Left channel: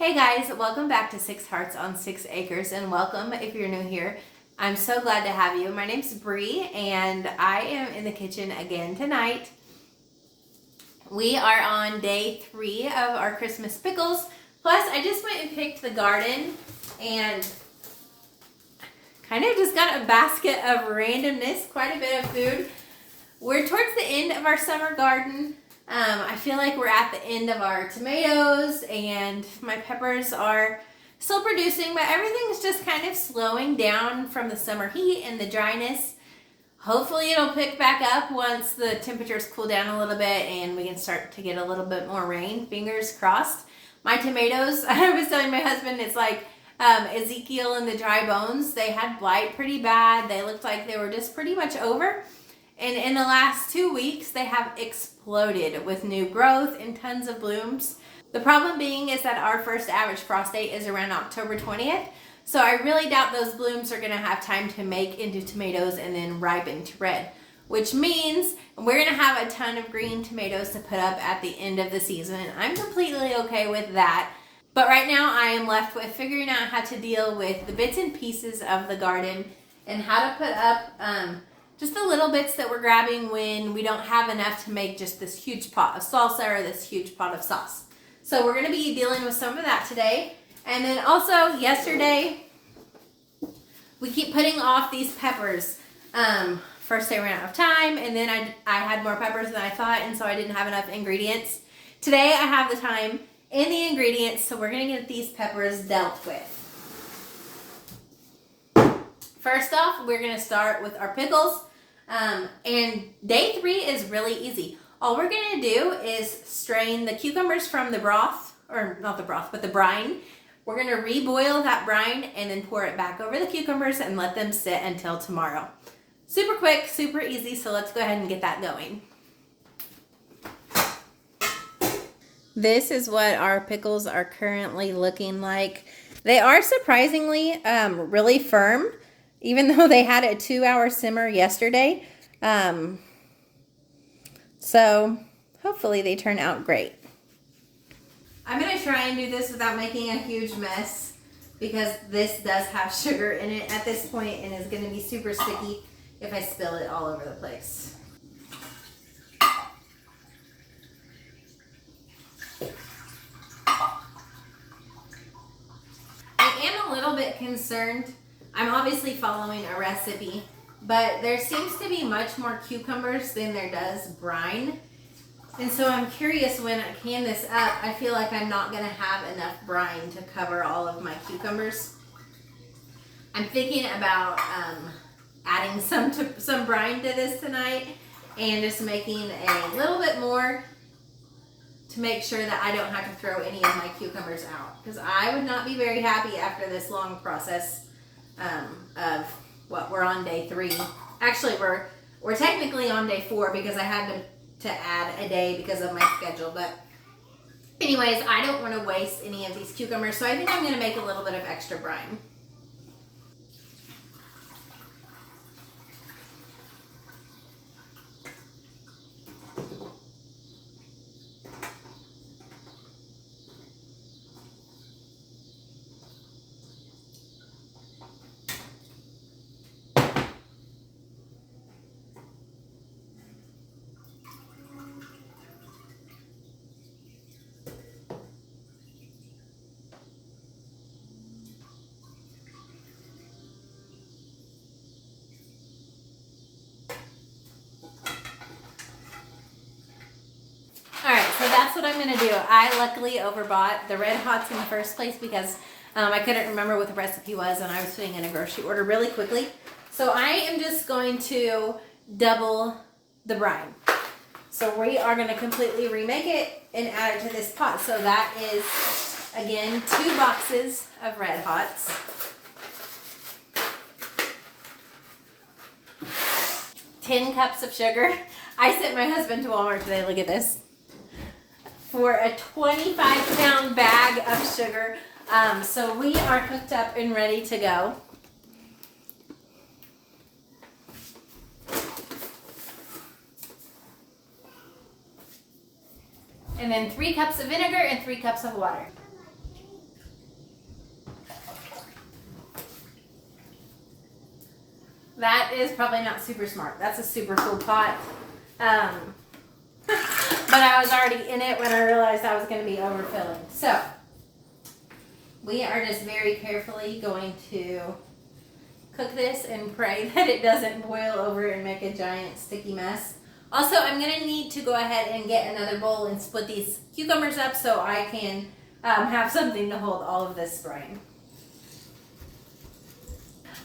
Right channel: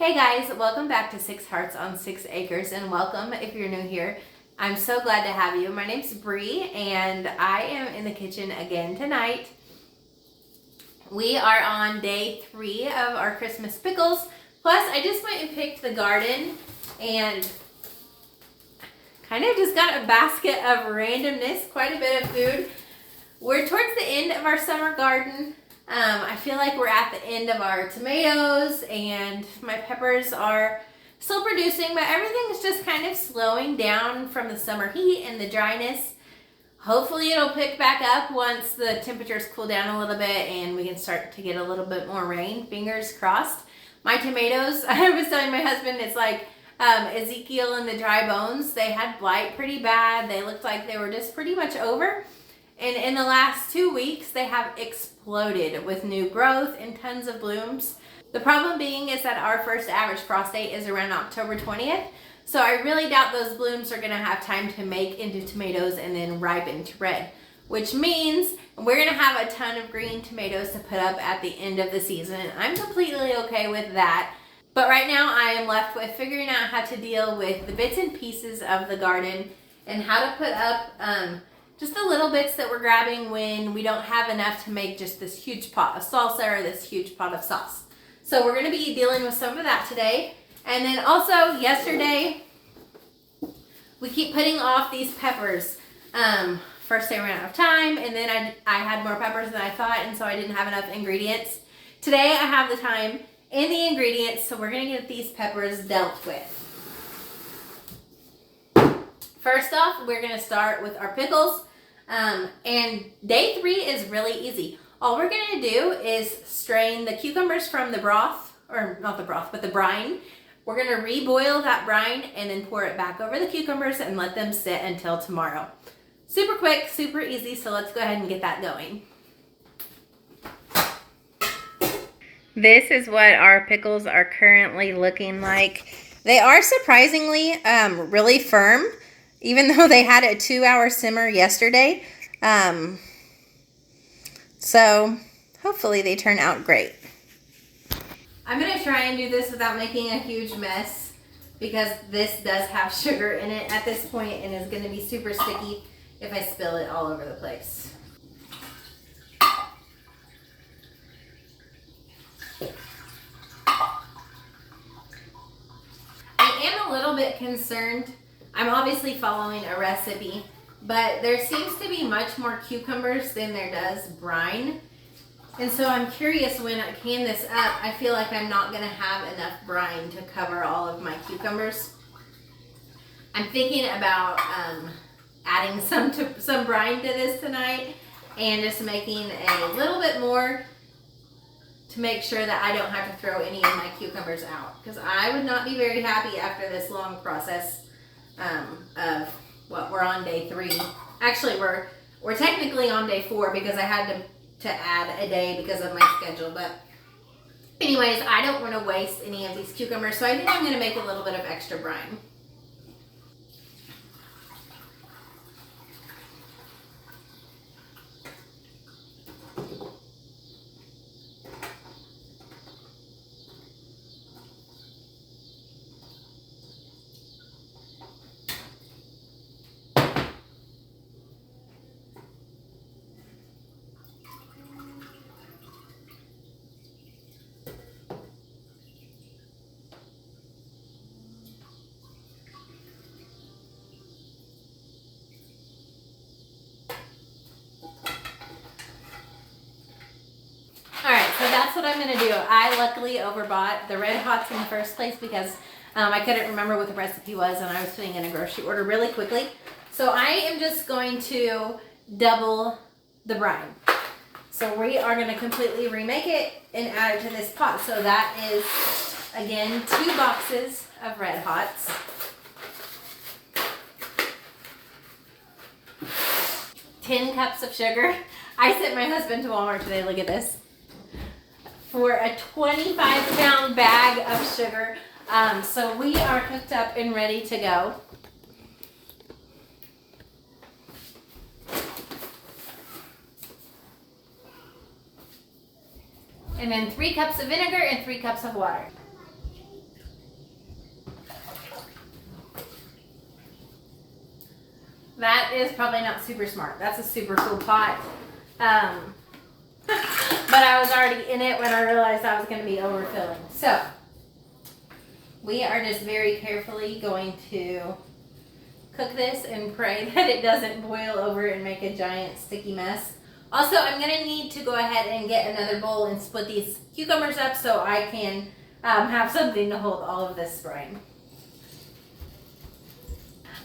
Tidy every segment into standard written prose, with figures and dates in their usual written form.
Hey guys, welcome back to Six Hearts on Six Acres, and welcome if you're new here. I'm so glad to have you. My name's Bree, and I am in the kitchen again tonight. We are on day 3 of our Christmas pickles. Plus, I just went and picked the garden and kind of just got a basket of randomness, quite a bit of food. We're towards the end of our summer garden. I feel like we're at the end of our tomatoes, and my peppers are still producing, but everything's just kind of slowing down from the summer heat and the dryness. Hopefully it'll pick back up once the temperatures cool down a little bit and we can start to get a little bit more rain. Fingers crossed. My tomatoes, I was telling my husband, it's like Ezekiel and the dry bones. They had blight pretty bad. They looked like they were just pretty much over. And in the last 2 weeks, they have exploded with new growth and tons of blooms. The problem being is that our first average frost date is around October 20th. So I really doubt those blooms are going to have time to make into tomatoes and then ripen to red. Which means we're going to have a ton of green tomatoes to put up at the end of the season. I'm completely okay with that. But right now I am left with figuring out how to deal with the bits and pieces of the garden and how to put up just the little bits that we're grabbing when we don't have enough to make just this huge pot of salsa or this huge pot of sauce. So we're going to be dealing with some of that today. And then also yesterday, we keep putting off these peppers. First they ran out of time, and then I had more peppers than I thought, and so I didn't have enough ingredients. Today I have the time and the ingredients, so we're going to get these peppers dealt with. First off, we're going to start with our pickles. And day 3 is really easy. All we're going to do is strain the cucumbers from the broth, or not the broth, but the brine. We're going to reboil that brine and then pour it back over the cucumbers and let them sit until tomorrow. Super quick, super easy, so let's go ahead and get that going. This is what our pickles are currently looking like. They are surprisingly really firm, even though they had a 2-hour simmer yesterday. So hopefully they turn out great. I'm going to try and do this without making a huge mess because this does have sugar in it at this point and is going to be super sticky if I spill it all over the place. I am a little bit concerned. I'm obviously following a recipe, but there seems to be much more cucumbers than there does brine. And so I'm curious, when I can this up, I feel like I'm not going to have enough brine to cover all of my cucumbers. I'm thinking about adding some brine to this tonight and just making a little bit more to make sure that I don't have to throw any of my cucumbers out, because I would not be very happy after this long process of what we're on day 3. Actually, we're technically on day 4 because I had to add a day because of my schedule. But anyways, I don't want to waste any of these cucumbers, so I think I'm going to make a little bit of extra brine. Alright, so that's what I'm going to do. I luckily overbought the Red Hots in the first place because I couldn't remember what the recipe was and I was putting in a grocery order really quickly. So I am just going to double the brine. So we are going to completely remake it and add it to this pot. So that is, again, 2 boxes of Red Hots. $10 cups of sugar. I sent my husband to Walmart today. Look at this. For a 25-pound bag of sugar. So we are hooked up and ready to go. And then 3 cups of vinegar and 3 cups of water. That is probably not super smart. That's a super full pot. But I was already in it when I realized I was going to be overfilling. So we are just very carefully going to cook this and pray that it doesn't boil over and make a giant sticky mess. Also, I'm going to need to go ahead and get another bowl and split these cucumbers up so I can have something to hold all of this brine.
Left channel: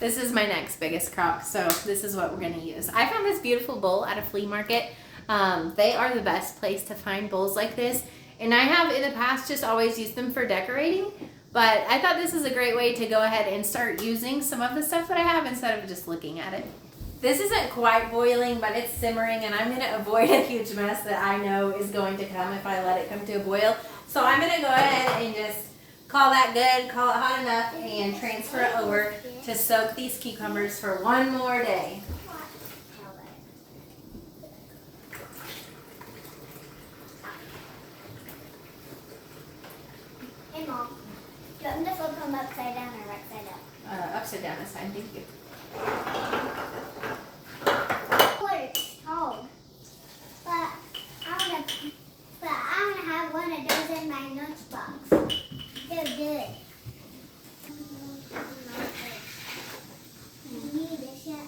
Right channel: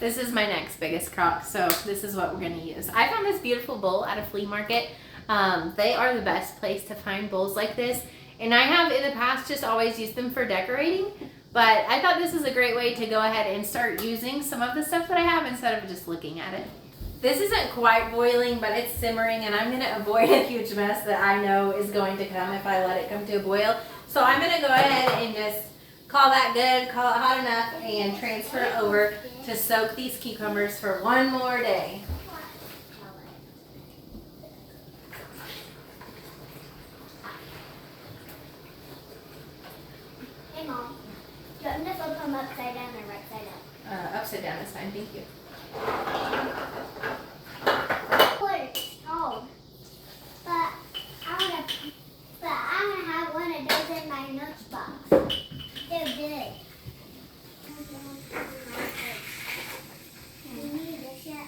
This is my next biggest crock, so this is what we're going to use. I found this beautiful bowl at a flea market. They are the best place to find bowls like this, and I have in the past just always used them for decorating, but I thought this is a great way to go ahead and start using some of the stuff that I have instead of just looking at it. This isn't quite boiling, but it's simmering, and I'm going to avoid a huge mess that I know is going to come if I let it come to a boil. So I'm going to go ahead and just call that good, call it hot enough, and transfer it over to soak these cucumbers for one more day. Hey Mom, do you want me to flip them upside down or right side up? Upside down is fine, thank you. Oh, but I wanna have one of those in my lunchbox. They're good. You need this yet?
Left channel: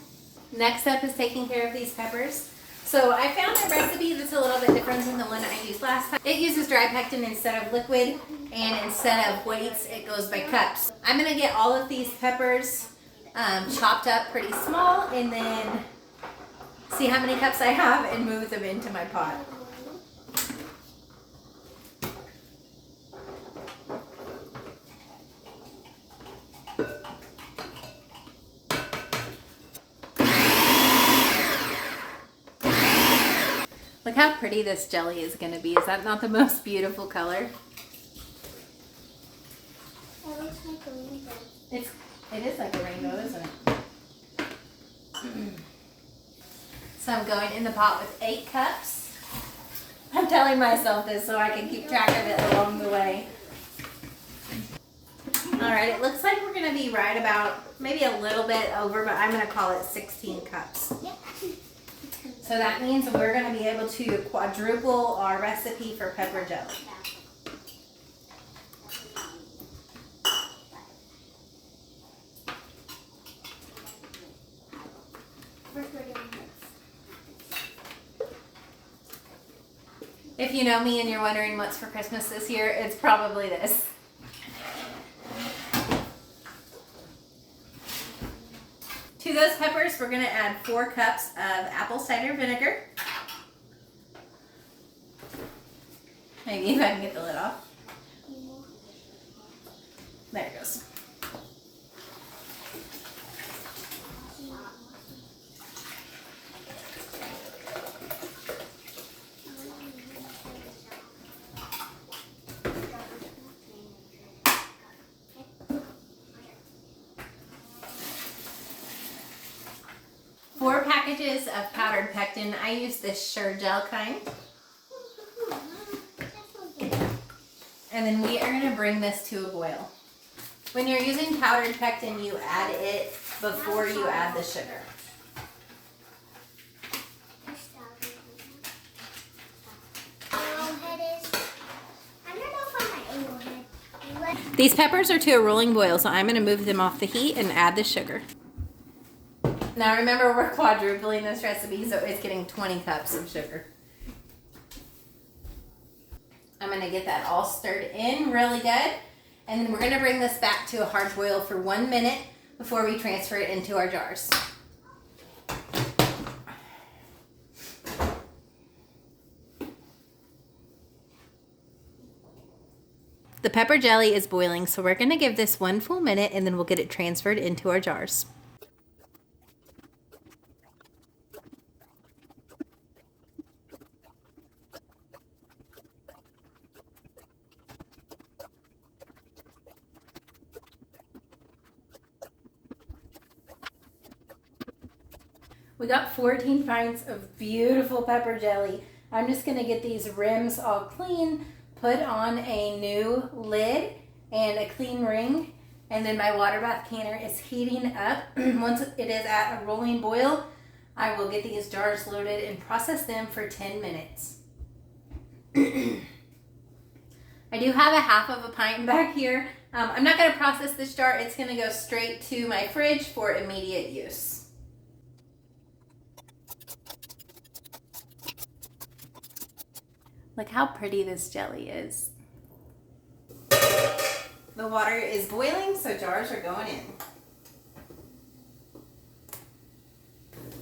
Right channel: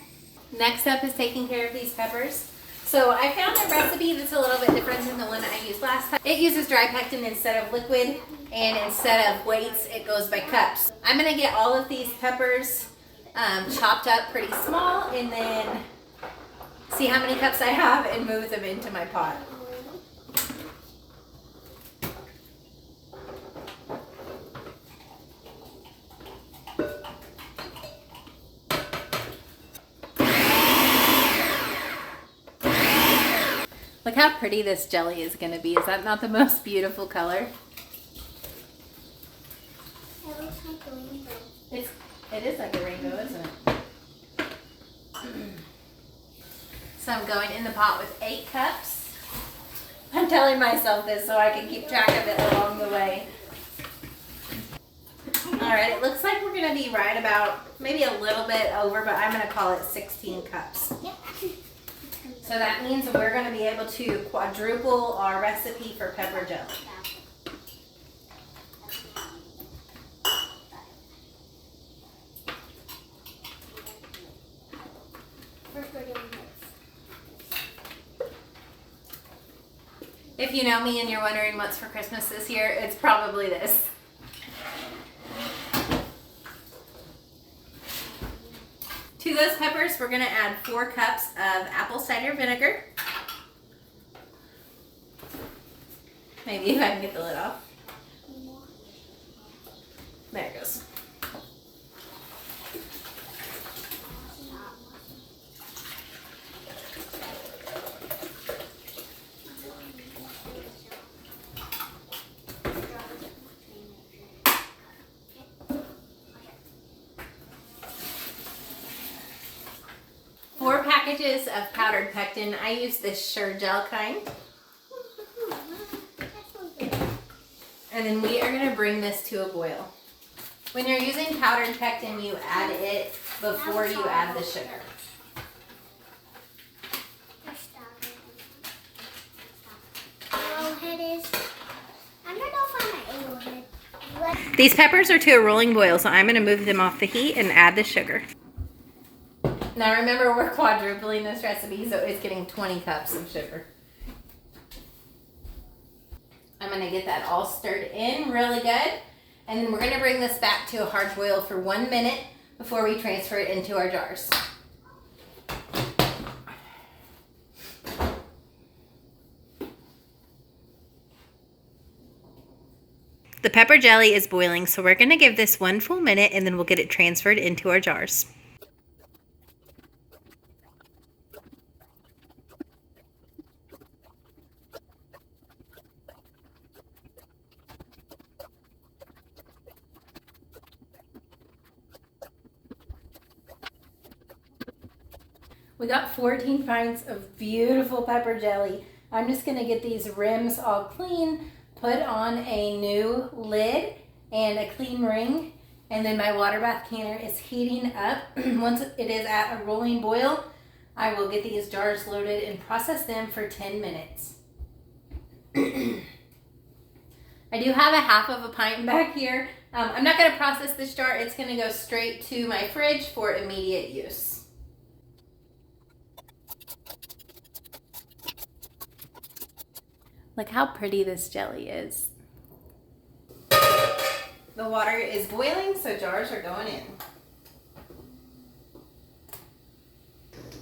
Next up is taking care of these peppers. So I found a recipe that's a little bit different than the one I used last time. It uses dry pectin instead of liquid, and instead of weights, it goes by cups. I'm gonna get all of these peppers chopped up pretty small, and then see how many cups I have and move them into my pot. Look how pretty this jelly is going to be. Is that not the most beautiful color? It looks like a rainbow. It is like a rainbow, isn't it? So I'm going in the pot with 8 cups. I'm telling myself this so I can keep track of it along the way. Alright, it looks like we're going to be right about, maybe a little bit over, but I'm going to call it 16 cups. Yep. So that means we're going to be able to quadruple our recipe for pepper jelly. If you know me and you're wondering what's for Christmas this year, it's probably this. To those peppers, we're going to add 4 cups of apple cider vinegar. Maybe if I can get the lid off. There it goes. Packages of powdered pectin. I use this Sure Gel kind. And then we are going to bring this to a boil. When you're using powdered pectin, you add it before you add the sugar. These peppers are to a rolling boil, so I'm going to move them off the heat and add the sugar. Now remember, we're quadrupling this recipe, so it's getting 20 cups of sugar. I'm going to get that all stirred in really good, and then we're going to bring this back to a hard boil for 1 minute before we transfer it into our jars. The pepper jelly is boiling, so we're going to give this 1 full minute, and then we'll get it transferred into our jars. We got 14 pints of beautiful pepper jelly. I'm just going to get these rims all clean, put on a new lid and a clean ring, And then my water bath canner is heating up. Once it is at a rolling boil, I will get these jars loaded and process them for 10 minutes. I do have a half of a pint back here. I'm not going to process this jar. It's going to go straight to my fridge for immediate use. Look how pretty this jelly is. The water is boiling, so jars are going in.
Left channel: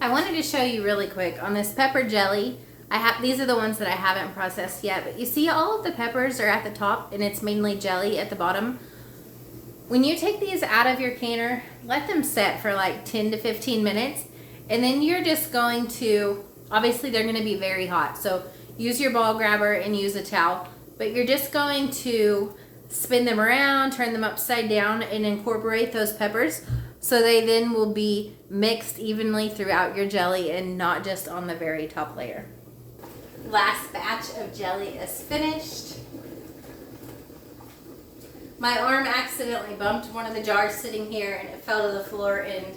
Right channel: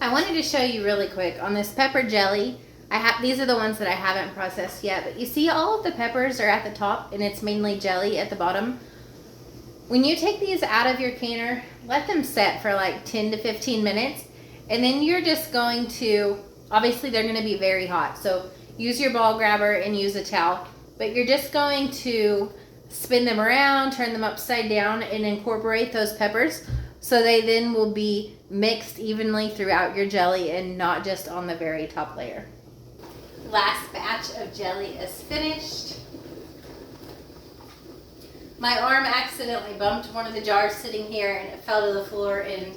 I wanted to show you really quick on this pepper jelly. These are the ones that I haven't processed yet, but you see all of the peppers are at the top and it's mainly jelly at the bottom. When you take these out of your canner, let them set for like 10 to 15 minutes, and then you're just going to, obviously they're going to be very hot, so use your ball grabber and use a towel, but you're just going to spin them around, turn them upside down, and incorporate those peppers so they then will be mixed evenly throughout your jelly and not just on the very top layer. Last batch of jelly is finished. My arm accidentally bumped one of the jars sitting here and it fell to the floor and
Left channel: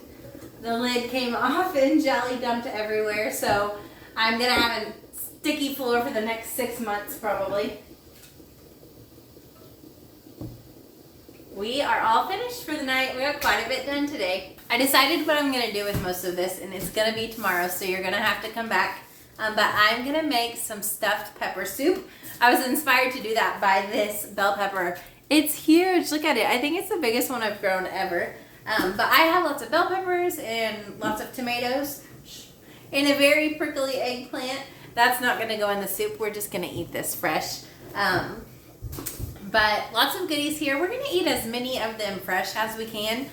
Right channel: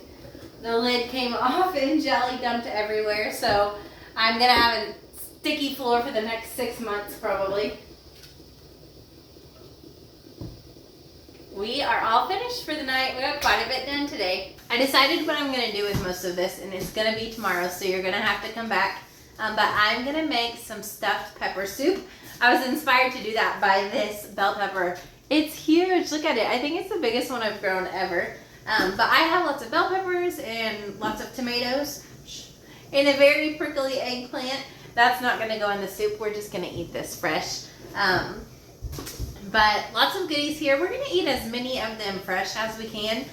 the lid came off and jelly dumped everywhere, so I'm gonna have a sticky floor for the next 6 months probably. We are all finished for the night. We got quite a bit done today. I decided what I'm going to do with most of this, and it's going to be tomorrow, so you're going to have to come back. But I'm going to make some stuffed pepper soup. I was inspired to do that by this bell pepper. It's huge. Look at it. I think it's the biggest one I've grown ever. But I have lots of bell peppers and lots of tomatoes and a very prickly eggplant. That's not going to go in the soup. We're just going to eat this fresh. But lots of goodies here. We're going to eat as many of them fresh as we can.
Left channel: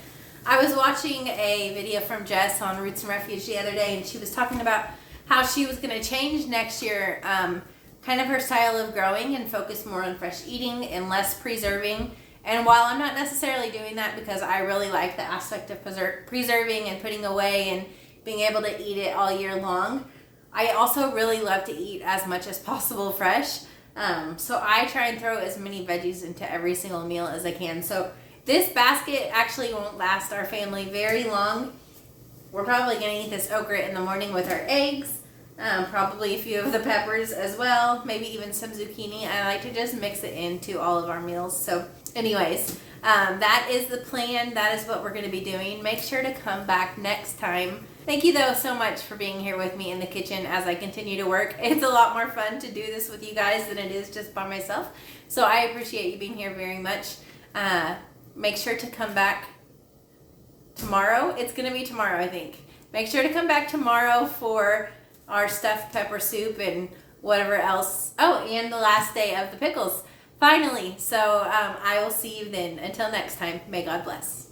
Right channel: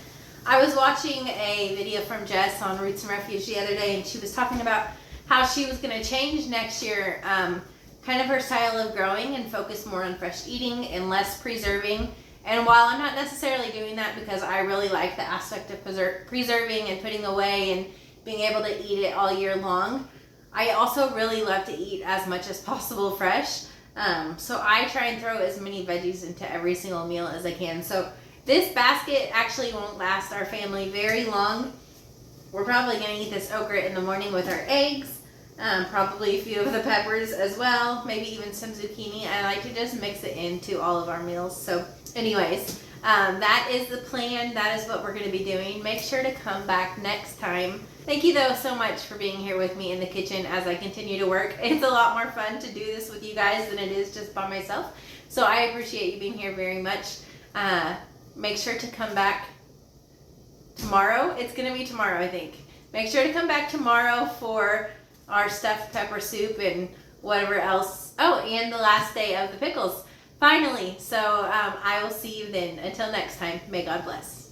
I was watching a video from Jess on Roots and Refuge the other day, and she was talking about how she was going to change next year kind of her style of growing and focus more on fresh eating and less preserving. And while I'm not necessarily doing that because I really like the aspect of preserving and putting away and being able to eat it all year long, I also really love to eat as much as possible fresh. So I try and throw as many veggies into every single meal as I can. So this basket actually won't last our family very long. We're probably going to eat this okra in the morning with our eggs, probably a few of the peppers as well, maybe even some zucchini. I like to just mix it into all of our meals. So anyways, that is the plan. That is what we're going to be doing. Make sure to come back next time. Thank you though so much for being here with me in the kitchen as I continue to work. It's a lot more fun to do this with you guys than it is just by myself. So I appreciate you being here very much. Make sure to come back tomorrow. It's going to be tomorrow, I think. Make sure to come back tomorrow for our stuffed pepper soup and whatever else. Oh, and the last day of the pickles. Finally. So I will see you then. Until next time, may God bless.